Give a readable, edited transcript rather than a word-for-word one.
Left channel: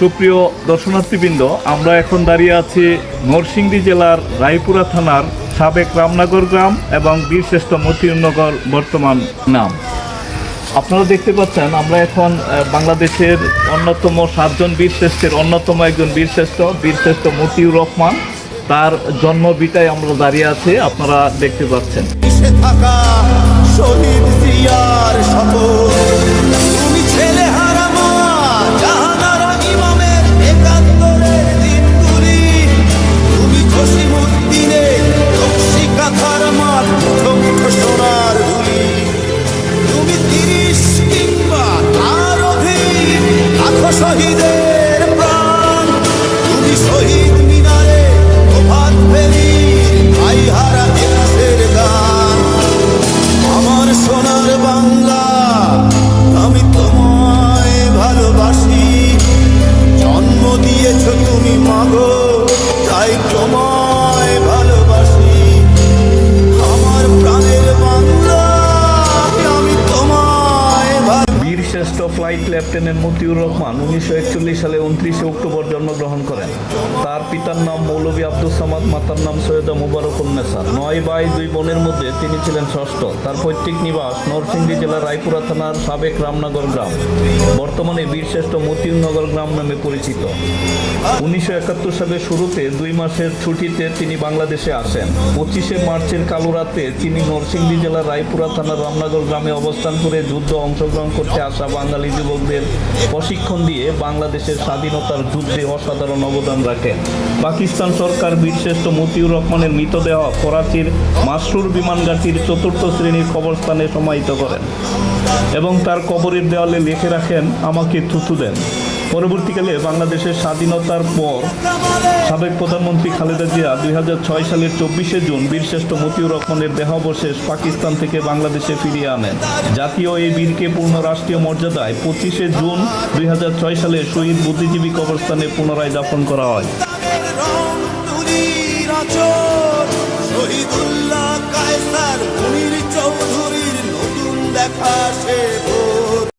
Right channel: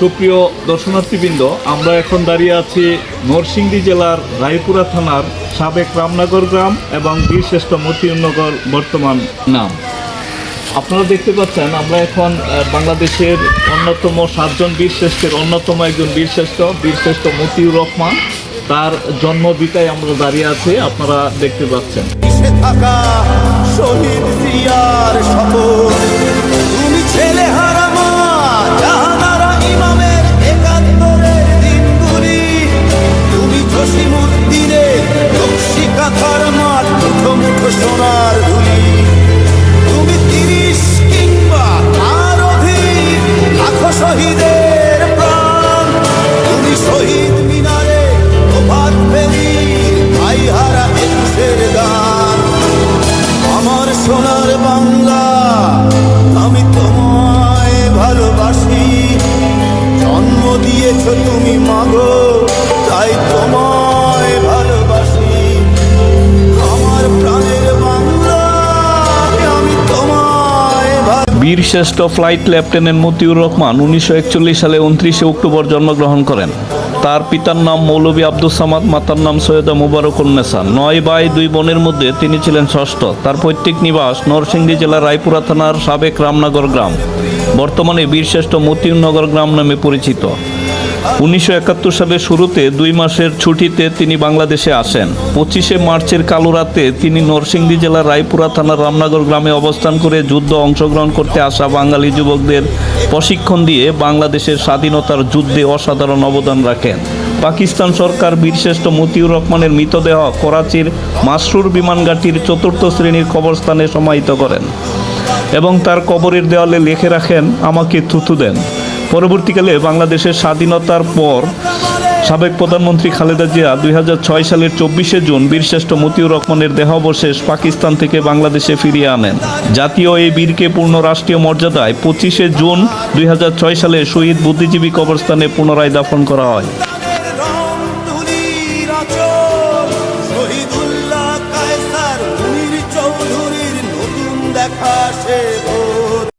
সুপ্রিয় দর্শনার্থীবৃন্দ, আমরা এখন দাঁড়িয়ে আছি নরসিংদী জেলার রায়পুরা থানার সাবেক রামনগর গ্রাম এবং বীরশ্রেষ্ঠ মতিউরনগর বর্তমান নাম। আপনারা দেখতে পাচ্ছেন আমরা এখন বাংলাদেশের অন্যতম 7 জন বীরশ্রেষ্ঠের অন্যতম একজন বীরশ্রেষ্ঠ মতিউর রহমান, তার জন্মভিটায় আমরা দাঁড়িয়ে আছি। আপনারা দেখতে পাচ্ছেন শহীদ জিয়ার শপথ, তুমি ছেলে হারা মা জাহানারা ইমামের ৭১-এর দিনগুলি, তুমি জসিমউদ্দিনের নকশি কাঁথার মাঠ, মুঠো মুঠো সোনার ধুলি, তুমি ৩০ কিংবা তার অধিক লাখো শহীদের প্রাণ, তুমি শহীদ মিনারে প্রভাত ফেরির ভাই হারা ২১-এর গান। আমার সোনার বাংলা, আমি তোমায় ভালোবাসি, জন্ম দিয়েছ তুমি মাগো, তাই তোমায় ভালোবাসি। আমার প্রাণের বাংলা, আমি তোমায় বীরশ্রেষ্ঠ ফ্লাইট লেফটেন্যান্ট মতিউর রহমান ১৯৪১ সালে ২৯ অক্টোবর জন্মগ্রহণ করেন। তার পিতার নাম মৌলভী আব্দুস সামাদ, মাতার নাম সৈয়দা মুবারকুন্নেসা। ৯ ভাই ২ বোনের মধ্যে তিনি ছিলেন ষষ্ঠ। তার পৈতৃক নিবাস নরসিংদী জেলার রায়পুরা থানার সাবেক রামনগর গ্রাম, বর্তমানে বীরশ্রেষ্ঠ মতিউরনগর গ্রাম নামে পরিচিত। ১৯৭১ সালের শুরুতে ২ মাসের ছুটিতে তিনি বাংলাদেশে আসেন। ২৫শে মার্চের কালো রাতে তিনি নরসিংদী জেলার রায়পুরা থানার রামনগর গ্রামে অবস্থান করে যুদ্ধ অংশগ্রহণ করতে আসা বাঙালি যুবকদের প্রশিক্ষণ দিয়ে বাংলাদেশের স্বাধীনতার যুদ্ধে অসাধারণ অবদান রাখেন। পাকিস্তান সরকার বীরশ্রেষ্ঠ মতিউর রহমানের মৃতদেহ করাচির মাসরুর বিমানঘাটির ৪র্থ শ্রেণীর কবরস্থানে সমাহিত করেন এবং তার কবরের দেওয়ালে লিখে রাখেন, আমাকে থুথু দেন। পরবর্তীকালে বাংলাদেশের স্বাধীনতার পর সাবেক প্রধানমন্ত্রী খালেদা জিয়া ২০০৬ সালের ২৪শে জুন বীরশ্রেষ্ঠ মতিউর রহমানের দেহাবশেষ পাকিস্তান থেকে বাংলাদেশে ফিরিয়ে আনেন। জাতীয় এই বীরকে পূর্ণ রাষ্ট্রীয় মর্যাদায় ২৫শে জুন ২০০৬ সালে শহীদ বুদ্ধিজীবী কবরস্থানে পুনরায় দাফন করা হয়। শহীদুল্লাহ কায়সার মুনির চৌধুরীর নতুন দেখা সে